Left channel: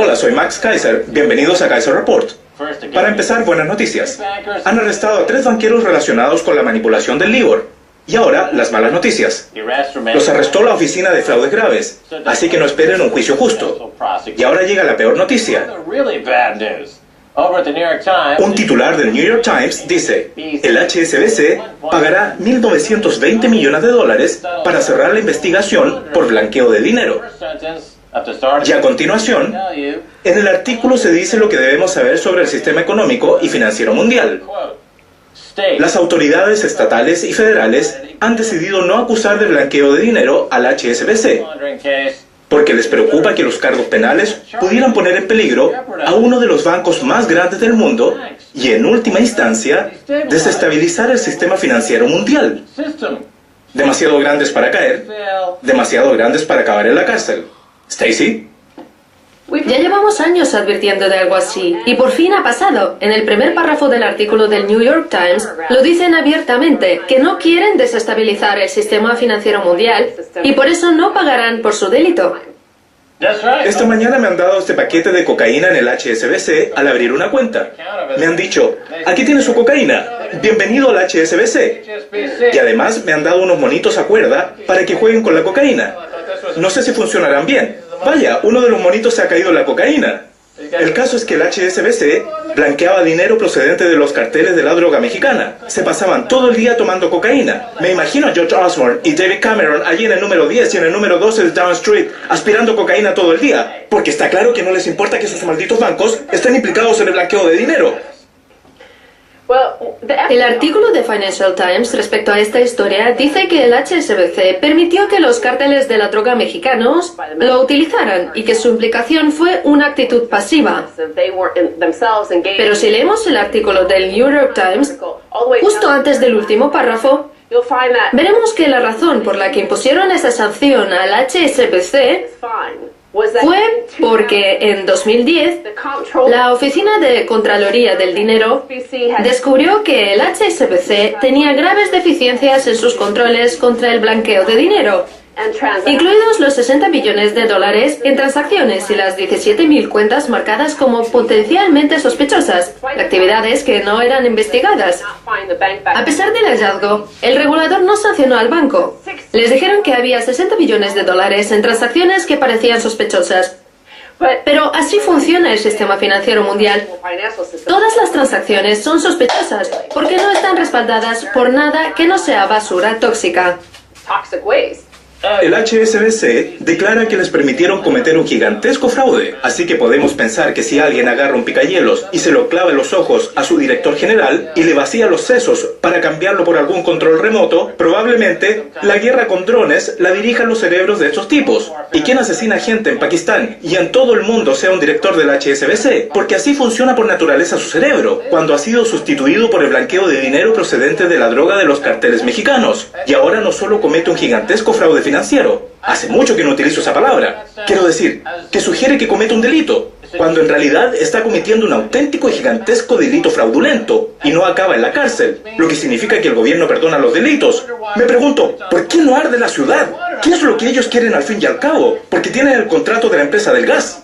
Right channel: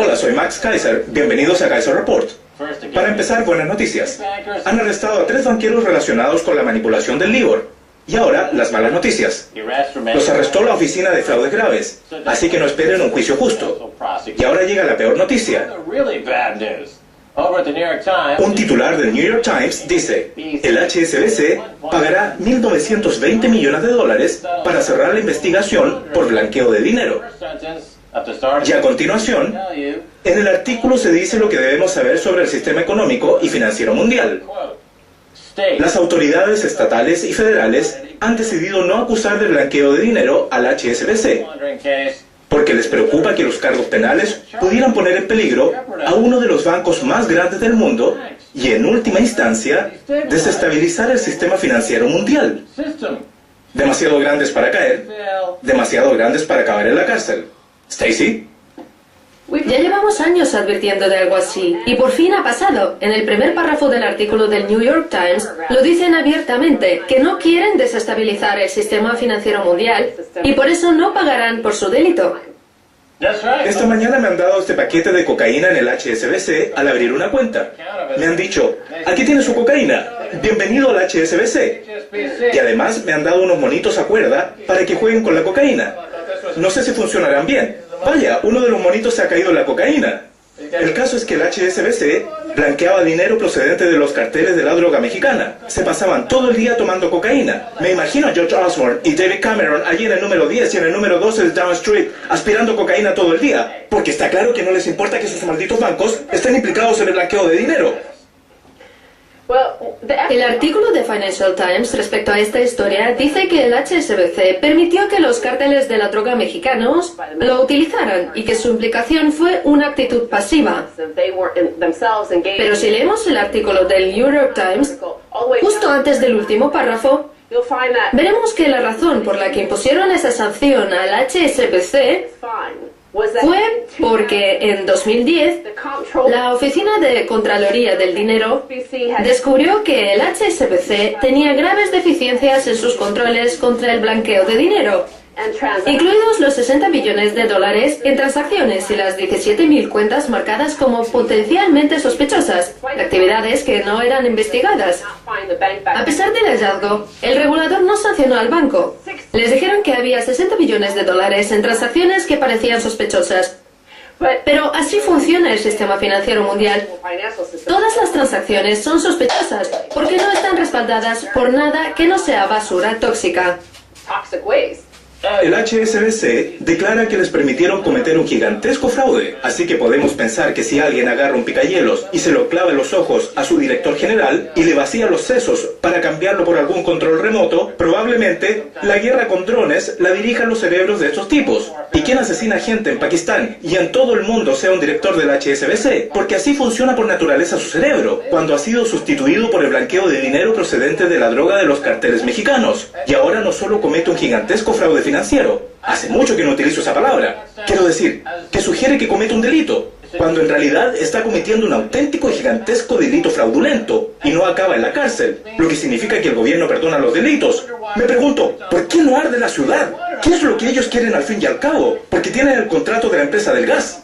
Hola, soy Max Kaiser. Bienvenidos a Kaiser Report. Para empezar, buenas noticias. Han arrestado a 3 banqueros relacionados con la manipulación del LIBOR. Y ahora, las malas noticias. Los arrestó la Oficina de Fraudes Graves, así que no esperen un juicio justo. Y ahora llega la peor noticia. Un titular del New York Times dice, el HSBC pagará $1.920 millones para cerrar la investigación por blanqueo de dinero. Y a continuación, en el artículo se dice lo que debemos saber sobre el sistema económico y financiero mundial. Las autoridades estatales y federales han decidido no acusar de blanqueo de dinero al HSBC, porque les preocupa que los cargos penales pudieran poner en peligro a uno de los bancos más grandes del mundo y, en última instancia, desestabilizar el sistema financiero mundial. Demasiado grandes para caer, demasiado grandes para acabar en la cárcel. Stacy. Ya llevamos años advirtiendo de algo así, y por fin ha pasado. En el primer párrafo del artículo del New York Times lo dicen abiertamente, que no quieren desestabilizar el sistema financiero mundial y por eso no pagarán por su delito. Esta mañana me han dado este paquete de cocaína en el HSBC al abrir una cuenta. Me han dicho, aquí tiene su cocaína, bienvenido al HSBC. Y además me han dado unos monitos a cuerda para que jueguen con la cocaína. No sé si funcionarán bien. Vaya, uno de los monitos se ha caído en la cocaína. El caso es que el HSBC blanqueaba dinero procedente de los carteles de la droga mexicana. Se pasaban todo el día tomando cocaína. Me imagino a George Osborne y David Cameron allí en el número 10 y en el número 12 de Down Street aspirando cocaína todo el día. Porque está claro que no les importa que sus malditos bancos estén implicados en el blanqueo de dinero. El artículo de Financial Times respecto a esta historia dice que el HSBC permitió que los cárteles de la droga mexicanos lo utilizaran y que su implicación fue una actitud pasiva. Pero si leemos el artículo del New York Times, justo antes del último párrafo, veremos que la razón por la que impusieron esa sanción al HSBC fue porque en 2010 la Oficina de Contraloría del Dinero descubrió que el HSBC tenía graves deficiencias en sus controles contra el blanqueo de dinero, incluidos los $60 billones en transacciones y las 17.000 cuentas marcadas como potencialmente sospechosas, actividades que no eran investigadas. A pesar del hallazgo, el regulador no sancionó al banco. Les dijeron que había $60 billones en transacciones que parecían sospechosas. Pero así funciona el sistema financiero mundial. Todas las transacciones son sospechosas porque no están respaldadas por nada que no sea basura tóxica. El HSBC declara que les permitieron cometer un gigantesco fraude, así que podemos pensar que si alguien agarra un picahielos y se lo clava en los ojos a su director general y le vacía los sesos para cambiarlo por algún control remoto, probablemente la guerra con drones la dirijan los cerebros de estos tipos. Y quien asesina gente en Pakistán y en todo el mundo sea un director del HSBC, porque así funciona por naturaleza su cerebro, cuando ha sido sustituido por el blanqueo de dinero procedente de la droga de los carteles mexicanos. Y ahora no solo comete un gigantesco fraude financiero. Hace mucho que no utilizo esa palabra. Quiero decir, que sugiere que comete un delito, cuando en realidad está cometiendo un auténtico y gigantesco delito fraudulento, y no acaba en la cárcel, lo que significa que el gobierno perdona los delitos. Me pregunto, ¿por qué no arde la ciudad? ¿Qué es lo que ellos quieren al fin y al cabo? Porque tienen el contrato de la empresa del gas.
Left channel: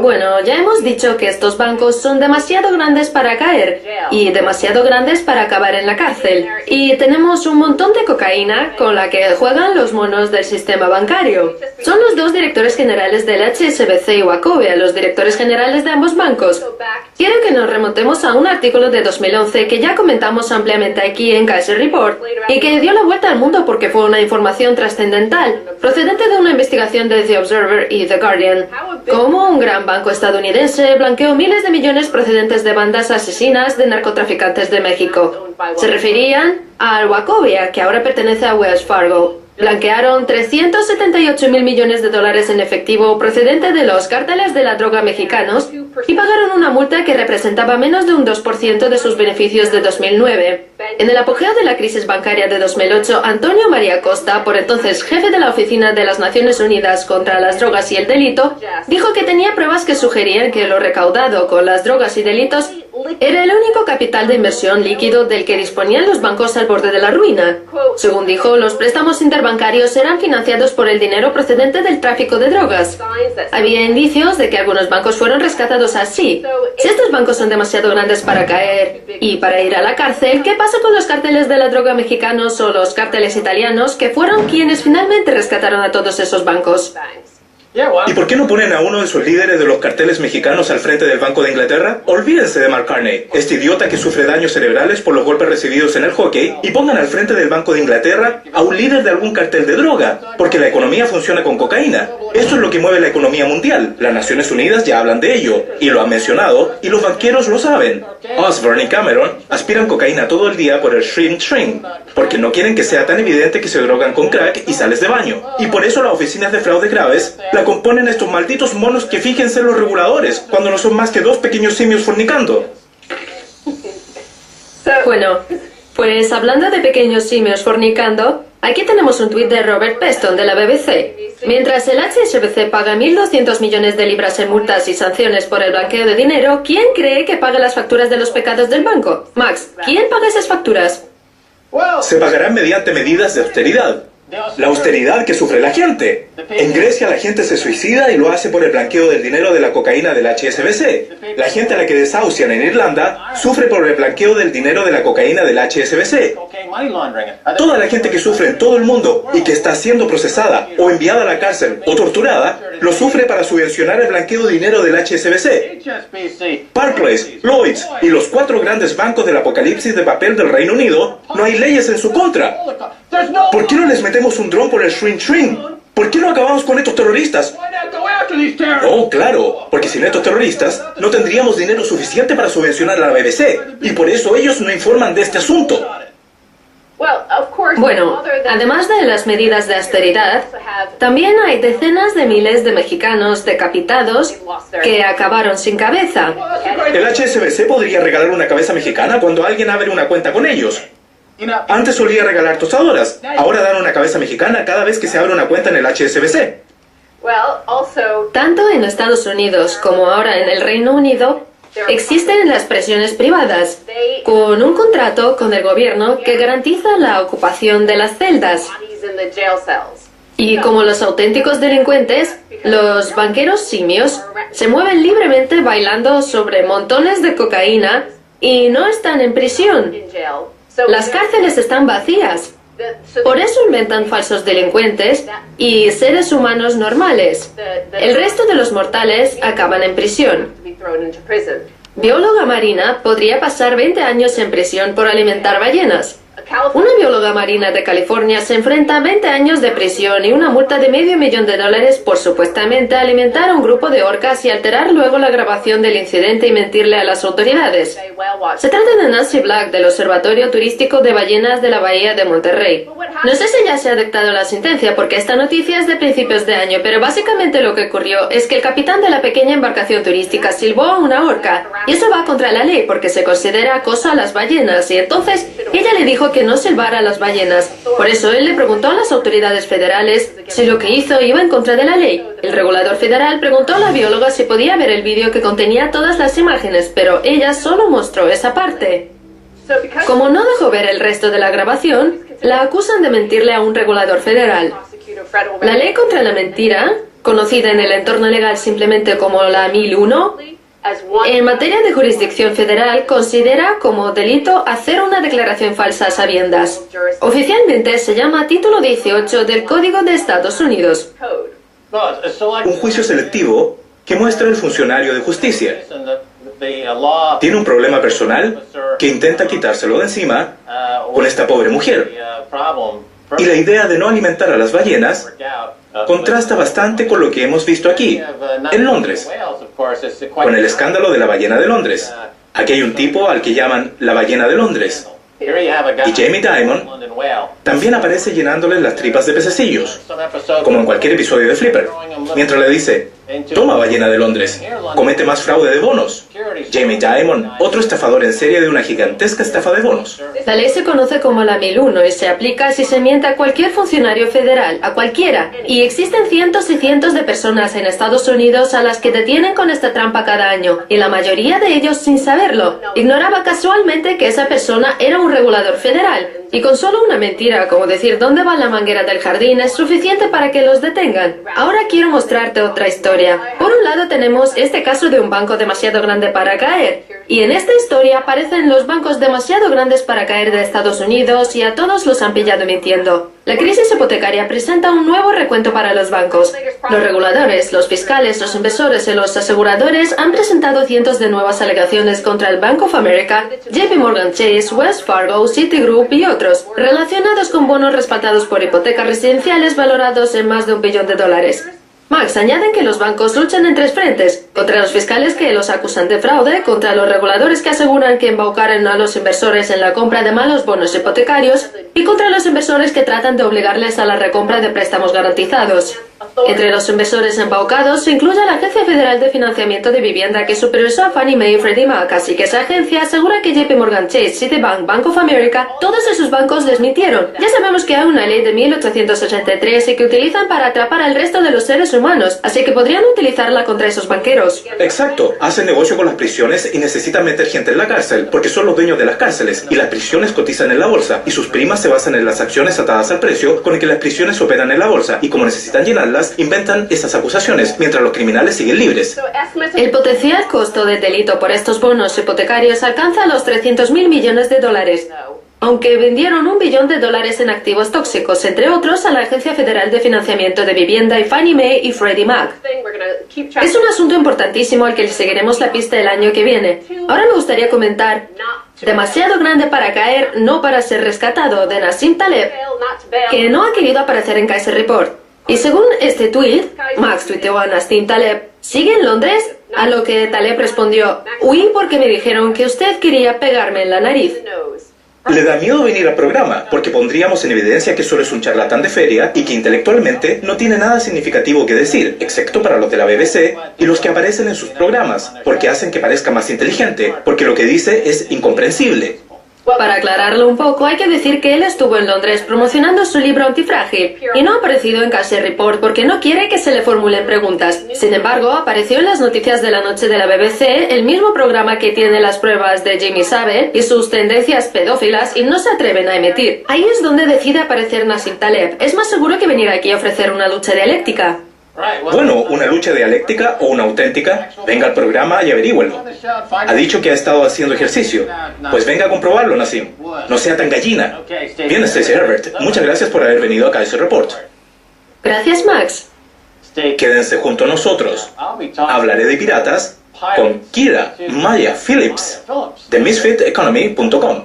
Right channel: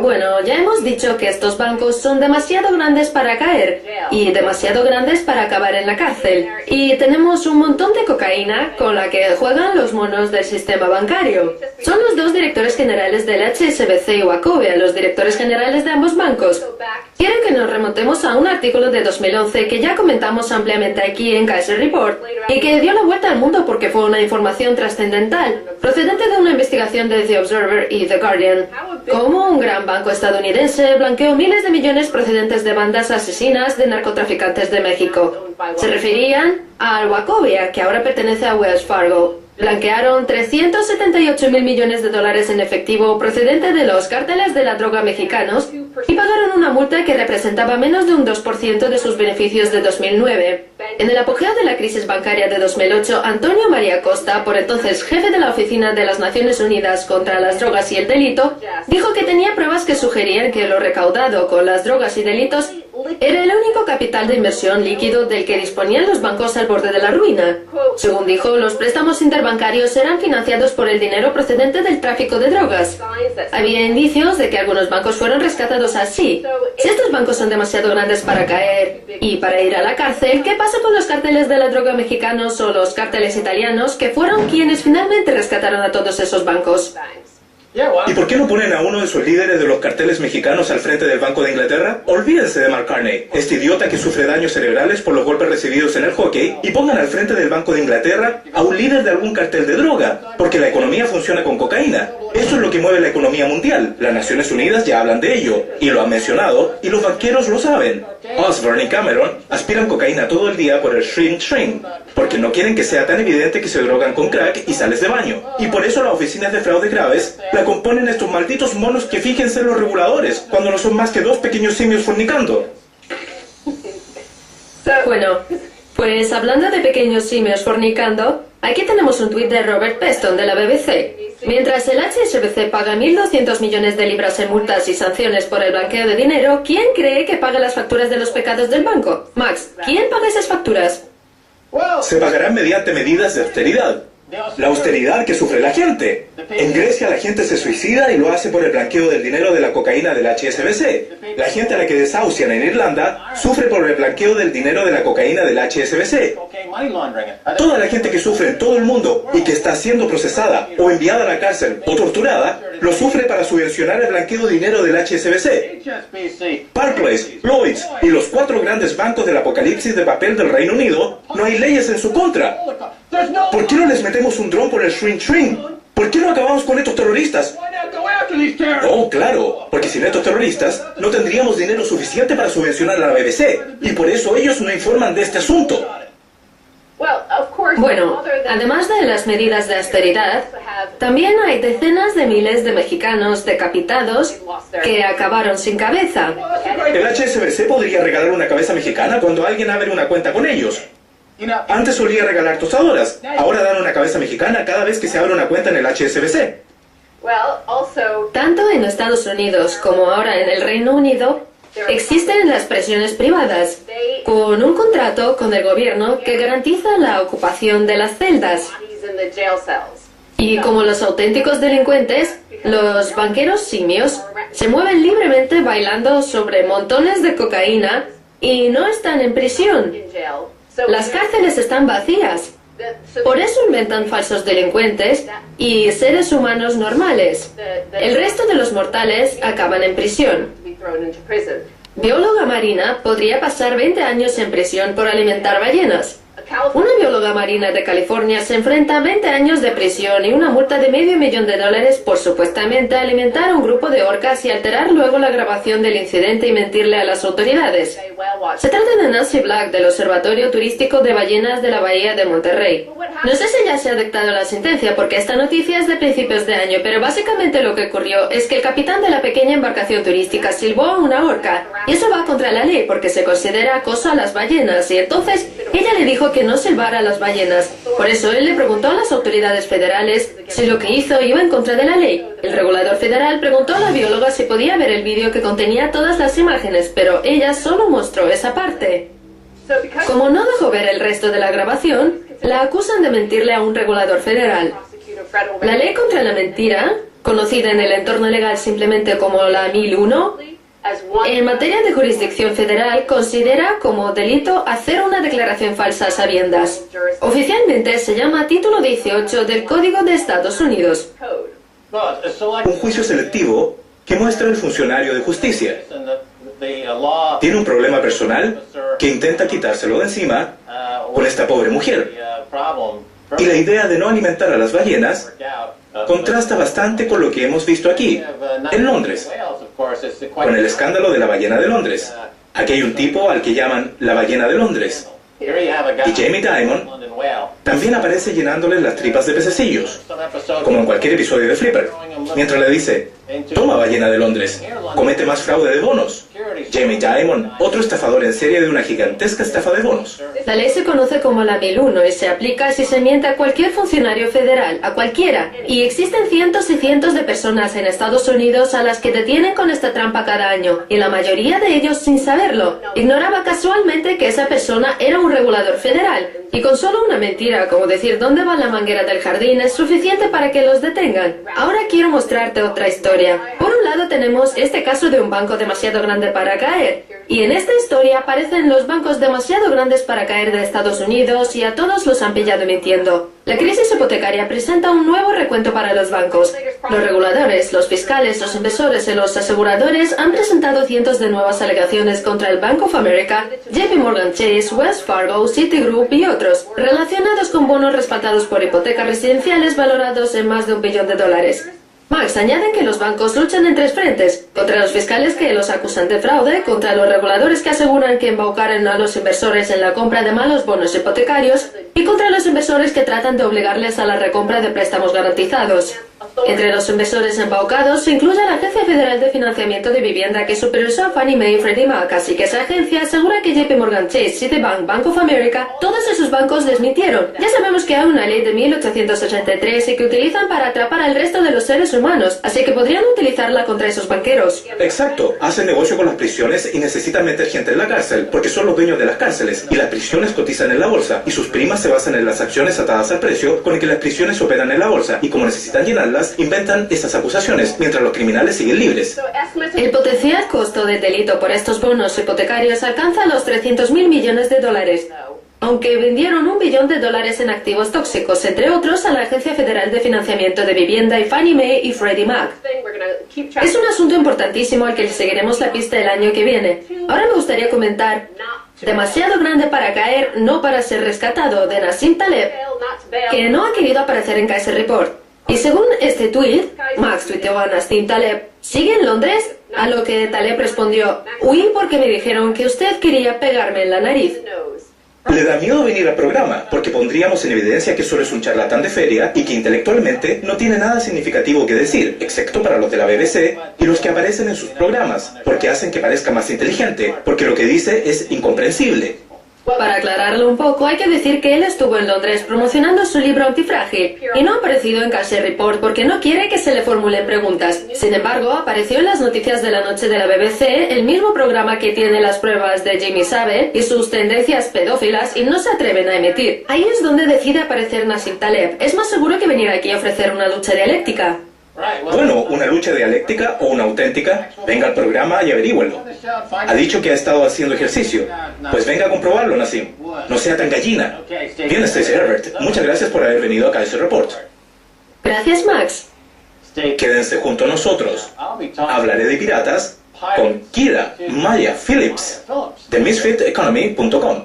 Bueno, ya hemos dicho que estos bancos son demasiado grandes para caer y demasiado grandes para acabar en la cárcel. Y tenemos un montón de cocaína con la que juegan los monos del sistema bancario. Son los 2 directores generales del HSBC y Wachovia, los directores generales de ambos bancos. Quiero que nos remontemos a un artículo de 2011 que ya comentamos ampliamente aquí en Kaiser Report y que dio la vuelta al mundo porque fue una información trascendental, procedente de una investigación de The Observer y The Guardian. Como un gran banco estadounidense blanqueó miles de millones procedentes de bandas asesinas de narcotraficantes de México. Se referían al Wachovia, que ahora pertenece a Wells Fargo. Blanquearon $378.000 millones en efectivo procedente de los cárteles de la droga mexicanos y pagaron una multa que representaba menos de un 2% de sus beneficios de 2009. En el apogeo de la crisis bancaria de 2008, Antonio María Costa, por entonces jefe de la Oficina de las Naciones Unidas contra las Drogas y el Delito, dijo que tenía pruebas que sugerían que lo recaudado con las drogas y delitos Era el único capital de inversión líquido del que disponían los bancos al borde de la ruina. Según dijo, los préstamos interbancarios eran financiados por el dinero procedente del tráfico de drogas. Había indicios de que algunos bancos fueron rescatados así. Si estos bancos son demasiado grandes para caer y para ir a la cárcel, ¿qué pasa con los cárteles de la droga mexicanos o los cárteles italianos, que fueron quienes finalmente rescataron a todos esos bancos? ¿Y por qué no ponen a uno de sus líderes de los carteles mexicanos al frente del Banco de Inglaterra? Olvídense de Mark Carney, este idiota que sufre daños cerebrales por los golpes recibidos en el hockey, y pongan al frente del Banco de Inglaterra a un líder de algún cartel de droga, porque la economía funciona con cocaína. Eso es lo que mueve la economía mundial. Las Naciones Unidas ya hablan de ello, y lo han mencionado, y los banqueros lo saben. Osborne y Cameron aspiran cocaína todo el día por el shrink, porque no quieren que sea tan evidente que se drogan con crack y sales de baño. Y por eso las oficinas de fraude graves la componen estos malditos monos que fíjense en los reguladores, cuando no son más que dos pequeños simios fornicando. Bueno, pues hablando de pequeños simios fornicando, aquí tenemos un tuit de Robert Peston de la BBC. Mientras el HSBC paga 1.200 millones de libras en multas y sanciones por el blanqueo de dinero, ¿quién cree que paga las facturas de los pecados del banco? Max, ¿quién paga esas facturas? Se pagarán mediante medidas de austeridad. La austeridad que sufre la gente. En Grecia la gente se suicida y lo hace por el blanqueo del dinero de la cocaína del HSBC. La gente a la que desahucian en Irlanda sufre por el blanqueo del dinero de la cocaína del HSBC. Toda la gente que sufre en todo el mundo y que está siendo procesada o enviada a la cárcel o torturada, lo sufre para subvencionar el blanqueo de dinero del HSBC. Barclays, Lloyds y los 4 grandes bancos del apocalipsis de papel del Reino Unido, no hay leyes en su contra. ¿Por qué no les metemos un dron por el shrink? ¿Por qué no acabamos con estos terroristas? Oh, claro, porque sin estos terroristas no tendríamos dinero suficiente para subvencionar a la BBC, y por eso ellos no informan de este asunto. Bueno, además de las medidas de austeridad, también hay decenas de miles de mexicanos decapitados que acabaron sin cabeza. El HSBC podría regalar una cabeza mexicana cuando alguien abre una cuenta con ellos. Antes solía regalar tostadoras, ahora dan una cabeza mexicana cada vez que se abre una cuenta en el HSBC. Tanto en Estados Unidos como ahora en el Reino Unido, existen las prisiones privadas, con un contrato con el gobierno que garantiza la ocupación de las celdas. Y como los auténticos delincuentes, los banqueros simios se mueven libremente bailando sobre montones de cocaína y no están en prisión. Las cárceles están vacías. Por eso inventan falsos delincuentes y seres humanos normales. El resto de los mortales acaban en prisión. Bióloga marina podría pasar 20 años en prisión por alimentar ballenas. Una bióloga marina de California se enfrenta a 20 años de prisión y una multa de $500,000 por supuestamente alimentar a un grupo de orcas y alterar luego la grabación del incidente y mentirle a las autoridades. Se trata de Nancy Black del Observatorio Turístico de Ballenas de la Bahía de Monterrey. No sé si ya se ha dictado la sentencia porque esta noticia es de principios de año, pero básicamente lo que ocurrió es que el capitán de la pequeña embarcación turística silbó a una orca, y eso va contra la ley porque se considera acoso a las ballenas, y entonces ella le dijo que no silbara a las ballenas. Por eso él le preguntó a las autoridades federales si lo que hizo iba en contra de la ley. El regulador federal preguntó a la bióloga si podía ver el vídeo que contenía todas las imágenes, pero ella solo mostró esa parte. Como no dejó ver el resto de la grabación, la acusan de mentirle a un regulador federal. La ley contra la mentira, conocida en el entorno legal simplemente como la 1001, en materia de jurisdicción federal considera como delito hacer una declaración falsa a sabiendas. Oficialmente se llama Título 18 del Código de Estados Unidos. Un juicio selectivo que muestra el funcionario de justicia. Tiene un problema personal que intenta quitárselo de encima con esta pobre mujer. Y la idea de no alimentar a las ballenas contrasta bastante con lo que hemos visto aquí, en Londres, con el escándalo de la ballena de Londres. Aquí hay un tipo al que llaman la ballena de Londres. Y Jamie Dimon también aparece llenándole las tripas de pececillos, como en cualquier episodio de Flipper, mientras le dice: Toma ballena de Londres. Comete más fraude de bonos. Jamie Dimon, otro estafador en serie de una gigantesca estafa de bonos. La ley se conoce como la 1001 y se aplica si se miente a cualquier funcionario federal, a cualquiera. Y existen cientos y cientos de personas en Estados Unidos a las que detienen con esta trampa cada año, y la mayoría de ellos sin saberlo. Ignoraba casualmente que esa persona era un regulador federal, y con solo una mentira, como decir dónde va la manguera del jardín, es suficiente para que los detengan. Ahora quiero mostrarte otra historia. Por un lado tenemos este caso de un banco demasiado grande para caer, y en esta historia aparecen los bancos demasiado grandes para caer de Estados Unidos y a todos los han pillado mintiendo. La crisis hipotecaria presenta un nuevo recuento para los bancos. Los reguladores, los fiscales, los inversores y los aseguradores han presentado cientos de nuevas alegaciones contra el Bank of America, JP Morgan Chase, Wells Fargo, Citigroup y otros, relacionados con bonos respaldados por hipotecas residenciales valorados en más de $1 billón. Max, añaden que los bancos luchan en 3 frentes: contra los fiscales que los acusan de fraude, contra los reguladores que aseguran que embaucaron a los inversores en la compra de malos bonos hipotecarios, y contra los inversores que tratan de obligarles a la recompra de préstamos garantizados. Entre los inversores embaucados se incluye la Agencia Federal de Financiamiento de Vivienda, que supervisó a Fannie Mae y Freddie Mac, así que esa agencia asegura que JP Morgan Chase, Citibank, Bank of America, todos esos bancos desmintieron. Ya sabemos que hay una ley de 1883 y que utilizan para atrapar al resto de los seres humanos, así que podrían utilizarla contra esos banqueros. Exacto, hacen negocio con las prisiones y necesitan meter gente en la cárcel, porque son los dueños de las cárceles, y las prisiones cotizan en la bolsa, y sus primas se basan en las acciones atadas al precio con el que las prisiones operan en la bolsa, y como necesitan llenarlas, inventan esas acusaciones, mientras los criminales siguen libres. El potencial costo del delito por estos bonos hipotecarios alcanza los $300.000 millones, aunque vendieron $1 billón en activos tóxicos, entre otros a la Agencia Federal de Financiamiento de Vivienda y Fannie Mae y Freddie Mac. Es un asunto importantísimo al que le seguiremos la pista el año que viene. Ahora me gustaría comentar Demasiado grande para caer, no para ser rescatado, de Nassim Taleb, que no ha querido aparecer en Kaiser Report. Y según este tweet, Max tuiteó a Nassim Taleb: ¿sigue en Londres? A lo que Taleb respondió: huí porque me dijeron que usted quería pegarme en la nariz. Le da miedo venir al programa, porque pondríamos en evidencia que solo es un charlatán de feria y que intelectualmente no tiene nada significativo que decir, excepto para los de la BBC y los que aparecen en sus programas, porque hacen que parezca más inteligente, porque lo que dice es incomprensible. Para aclararlo un poco, hay que decir que él estuvo en Londres promocionando su libro Antifrágil y no ha aparecido en Kaiser Report porque no quiere que se le formulen preguntas. Sin embargo, apareció en las noticias de la noche de la BBC, el mismo programa que tiene las pruebas de Jimmy Savile y sus tendencias pedófilas, y no se atreven a emitir. Ahí es donde decide aparecer Nassim Taleb. Es más seguro que venir aquí a ofrecer una lucha dialéctica. Bueno, una lucha dialéctica o una auténtica. Venga al programa y averígüelo. Ha dicho que ha estado haciendo ejercicio. Pues venga a comprobarlo, Nassim. No sea tan gallina. Bien, Stacey Herbert. Muchas gracias por haber venido a Kaiser Report. Gracias, Max. Quédense junto a nosotros. Hablaré de piratas con Kira Maya Phillips de MisfitEconomy.com.